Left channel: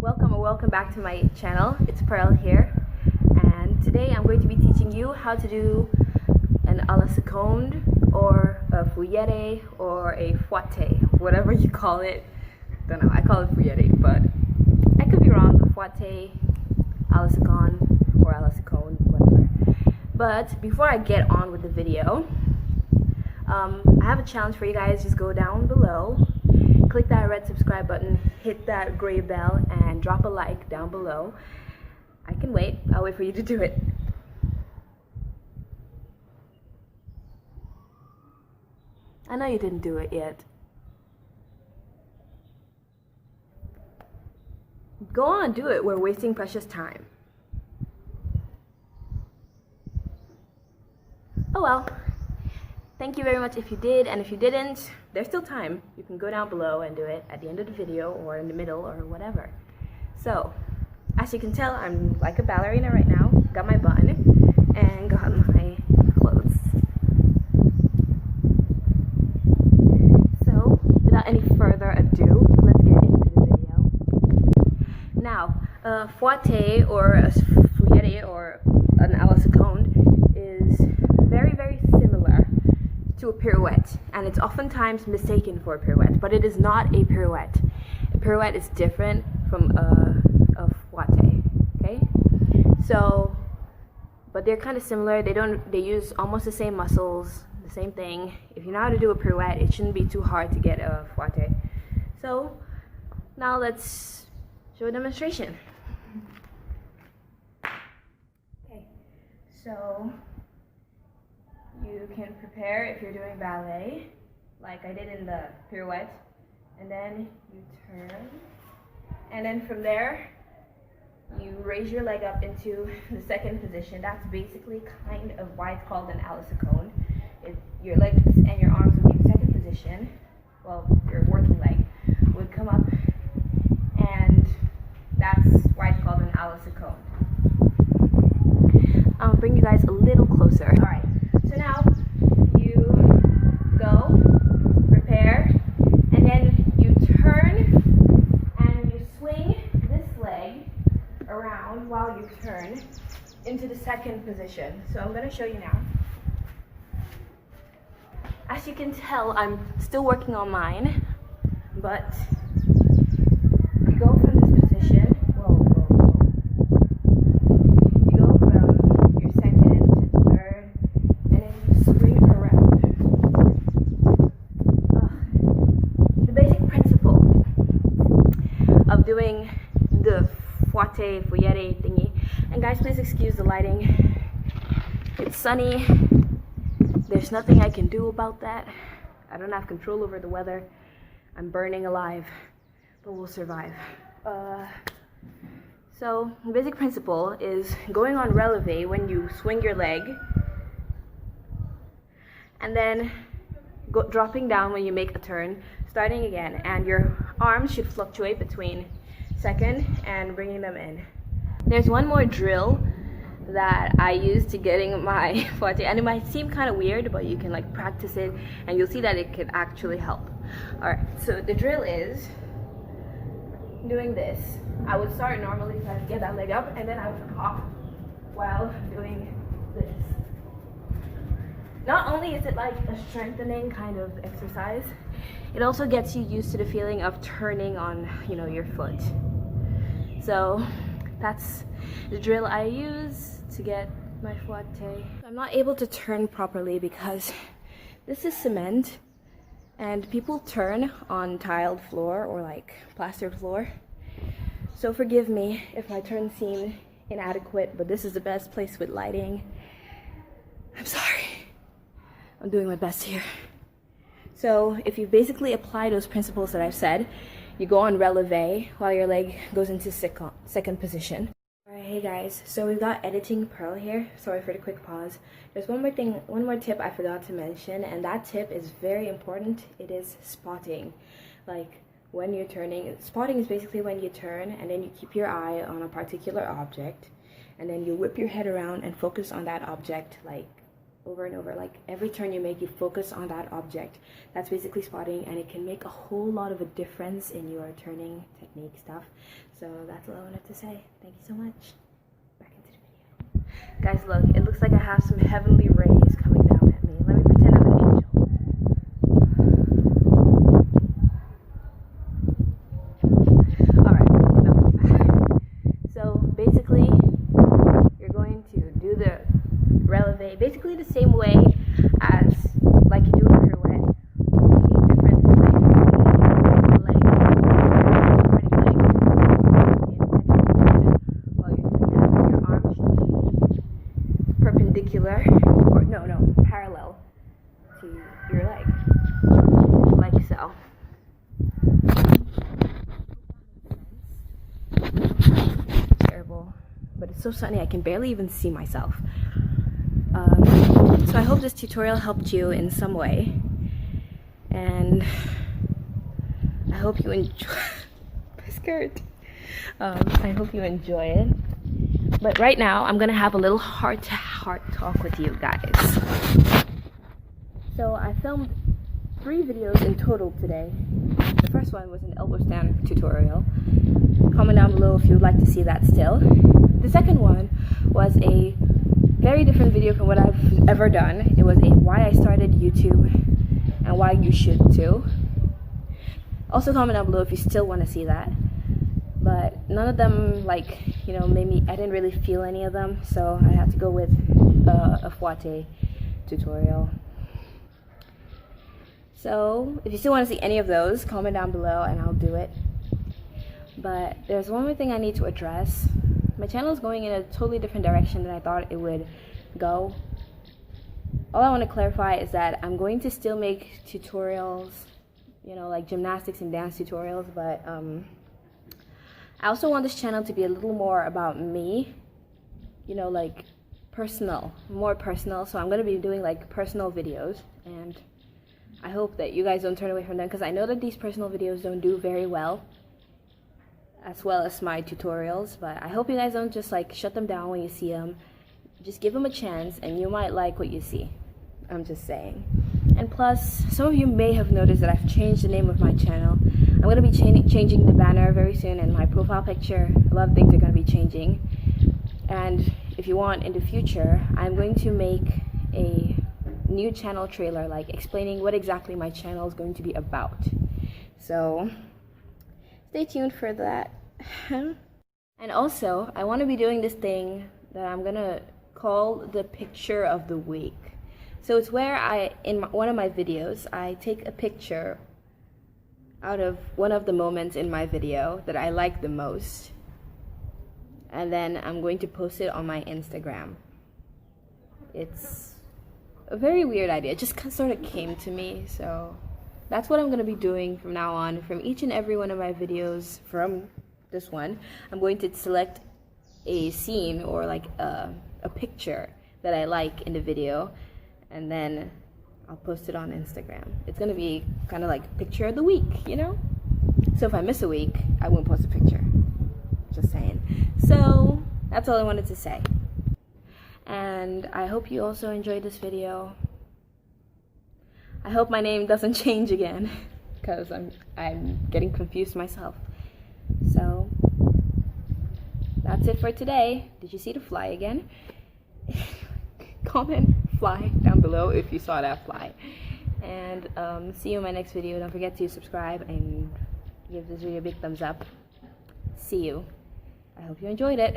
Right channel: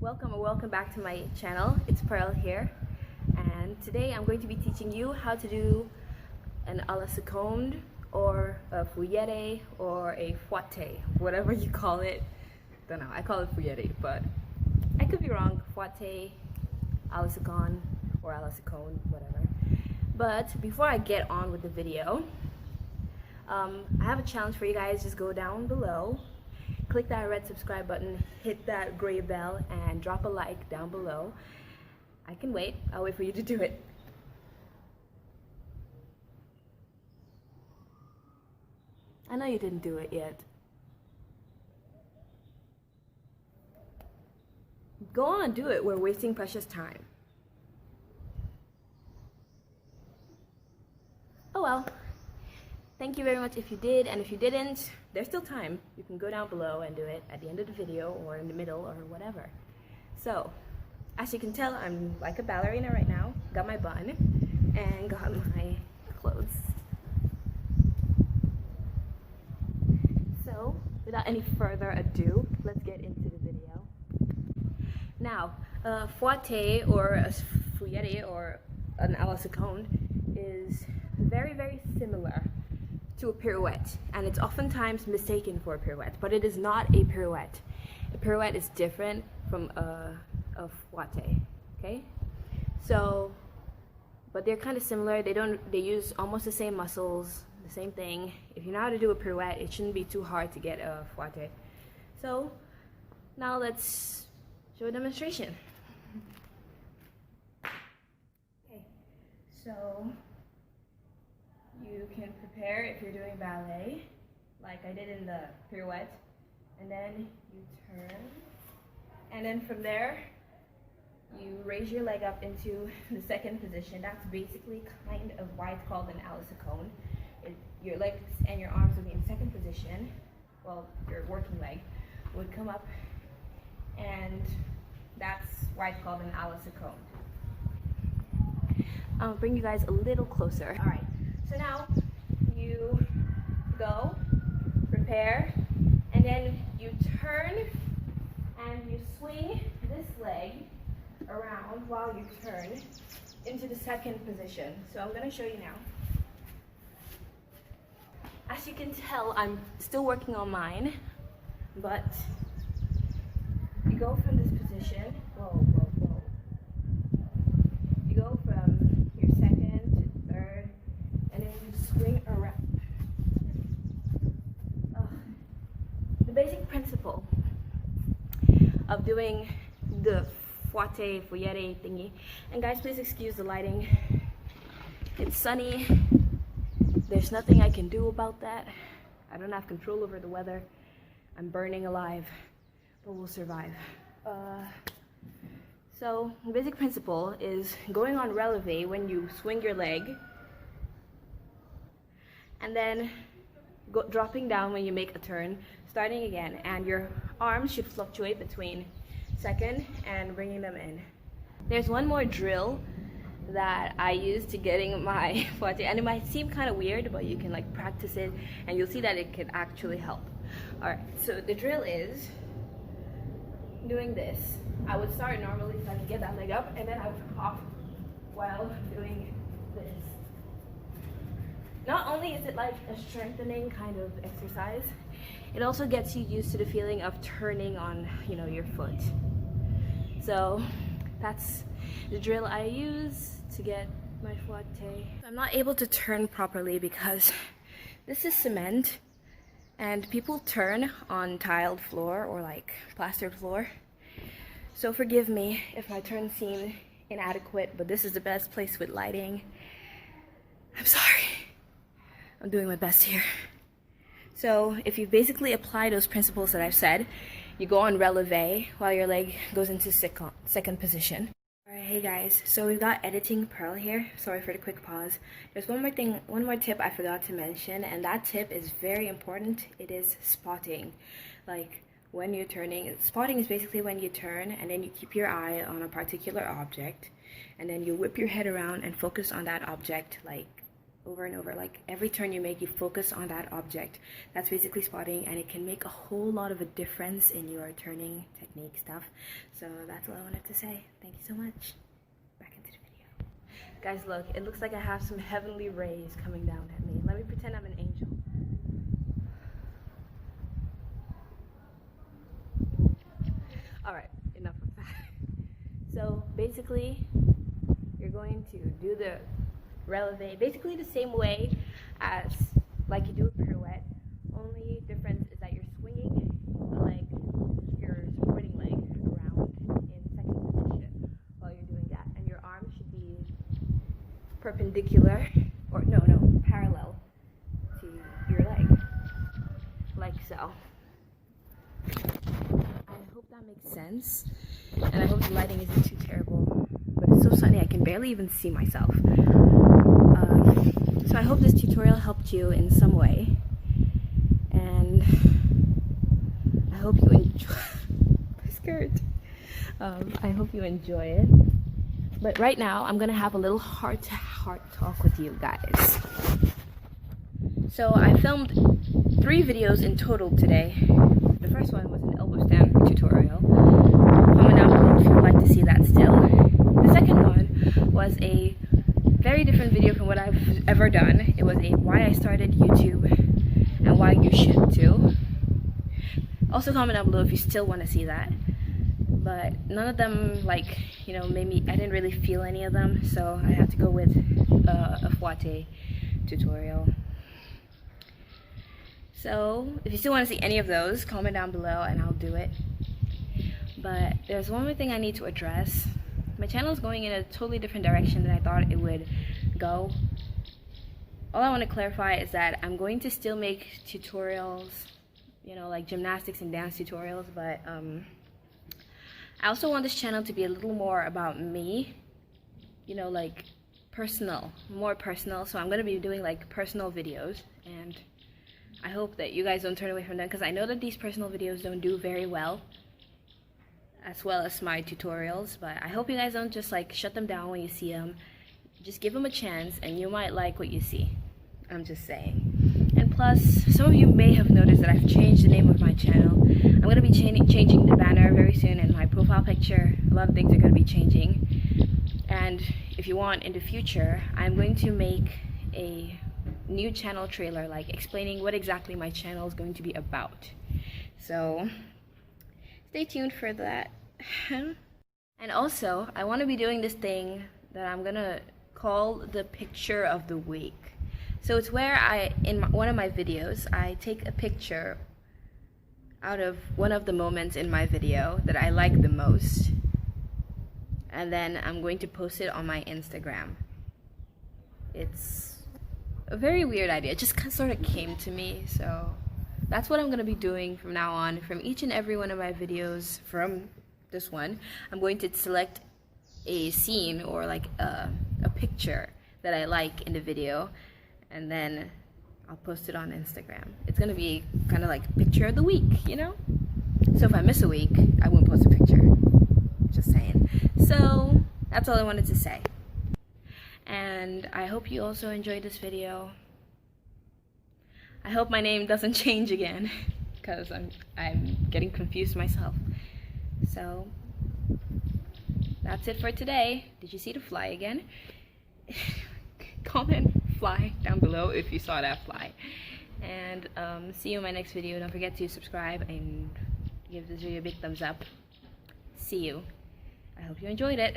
Welcome or welcome back to my channel. It's Pearl here, and today I'm going to be teaching you how to do an a la seconde or a fouette or a fouette, whatever you call it. Don't know, I call it fouette, but I could be wrong. Fouette, a la seconde, or a la seconde, whatever. But before I get on with the video, I have a challenge for you guys. Just go down below, click that red subscribe button, hit that gray bell, and drop a like down below. I can wait. I'll wait for you to do it. I know you didn't do it yet. Go on, do it. We're wasting precious time. Oh well. Thank you very much if you did, and if you didn't, there's still time. You can go down below and do it at the end of the video or in the middle or whatever. So, as you can tell, I'm like a ballerina right now. Got my bun and got my clothes. So, without any further ado, let's get into the video. Now, a fouette or a fouette or an a la seconde is very, very similar to a pirouette, and it's oftentimes mistaken for a pirouette, but it is not a pirouette. A pirouette is different from a fouette, okay? So, but they're kind of similar. They use almost the same muscles, the same thing. If you know how to do a pirouette, it shouldn't be too hard to get a fouette. So, now let's show a demonstration. Okay, so you can prepare if you're doing ballet, like I did in the pirouette, and then you turn, and then from there you raise your leg up into the second position. That's basically kind of why it's called an a la seconde. Your legs and your arms would be in the second position, well, your working leg would come up, and that's why it's called an a la seconde. I'll bring you guys a little closer. All right. So now you go, prepare, and then you turn and you swing this leg around while you turn into the second position. So I'm going to show you now. As you can tell, I'm still working on mine, but you go from this position. Of doing the fouette thingy. And guys, please excuse the lighting. It's sunny. There's nothing I can do about that. I don't have control over the weather. I'm burning alive, but we'll survive. So the basic principle is going on releve when you swing your leg, and then dropping down when you make a turn, starting again, and your arms should fluctuate between second and bringing them in. There's one more drill that I use to getting my fouette, and it might seem kind of weird, but you can like practice it and you'll see that it can actually help. Alright, so the drill is doing this. I would start normally so I get that leg up, and then I would hop while doing this. Not only is it like a strengthening kind of exercise, it also gets you used to the feeling of turning on, your foot. So that's the drill I use to get my fouette. I'm not able to turn properly because this is cement, and people turn on tiled floor or like plastered floor. So forgive me if my turns seem inadequate, but this is the best place with lighting. I'm sorry. I'm doing my best here. So if you basically apply those principles that I've said, you go on releve while your leg goes into second position. Alright, hey guys, so we've got editing Pearl here. Sorry for the quick pause. There's one more tip I forgot to mention, and that tip is very important. It is spotting. Like when you're turning, spotting is basically when you turn and then you keep your eye on a particular object, and then you whip your head around and focus on that object, like over and over. Like every turn you make, you focus on that object. That's basically spotting, and it can make a whole lot of a difference in your turning technique stuff. So that's all I wanted to say. Thank you so much. Back into the video. Guys, look, it looks like I have some heavenly rays coming down at me. Let me pretend I'm an angel. Alright, enough of that. So basically, you're going to do the releve basically the same way as like you do a pirouette. Only difference is that you're swinging the leg, turning leg in second position. While you're doing that, your arm should be perpendicular, or no, parallel to your leg, like so. I hope that makes sense, and I hope the lighting isn't too terrible. But it's so sunny I can barely even see myself. So I hope this tutorial helped you in some way, and I hope you enjoy my skirt. I hope you enjoy it. But right now I'm gonna have a little heart-to-heart talk with you guys. So I filmed 3 videos in total today. The first one was an elbow stand tutorial. Comment down below if you would like to see that still. The second one was a very different video from what I've ever done. It was a why I started YouTube and why you should too. Also comment down below if you still want to see that. But none of them, like, you know, made me, I didn't really feel any of them, so I had to go with a fouette tutorial. So if you still want to see any of those, comment down below and I'll do it. But there's one more thing I need to address. My channel is going in a totally different direction than I thought it would go. All I want to clarify is that I'm going to still make tutorials, you know, like gymnastics and dance tutorials, but I also want this channel to be a little more about me, you know, like personal, more personal. So I'm going to be doing like personal videos, and I hope that you guys don't turn away from them, because I know that these personal videos don't do very well, as well as my tutorials. But I hope you guys don't just like shut them down when you see them. Just give them a chance and you might like what you see. I'm just saying. And plus, some of you may have noticed that I've changed the name of my channel. I'm going to be changing the banner very soon, and my profile picture. A lot of things are going to be changing. And if you want, in the future, I'm going to make a new channel trailer, like explaining what exactly my channel is going to be about. So stay tuned for that. And also, I want to be doing this thing that I'm gonna call the picture of the week. So it's where in one of my videos, I take a picture out of one of the moments in my video that I like the most, and then I'm going to post it on my Instagram. It's a very weird idea. It just sort of came to me, so that's what I'm going to be doing from now on. From each and every one of my videos, from this one, I'm going to select a scene or like a picture that I like in the video, and then I'll post it on Instagram. It's going to be kind of like picture of the week, you know? So if I miss a week, I won't post a picture. Just saying. So that's all I wanted to say. And I hope you also enjoyed this video. I hope my name doesn't change again, because I'm getting confused myself. So that's it for today. Did you see the fly again? Comment fly down below if you saw that fly. And see you in my next video. Don't forget to subscribe and give this video a big thumbs up. See you. I hope you enjoyed it.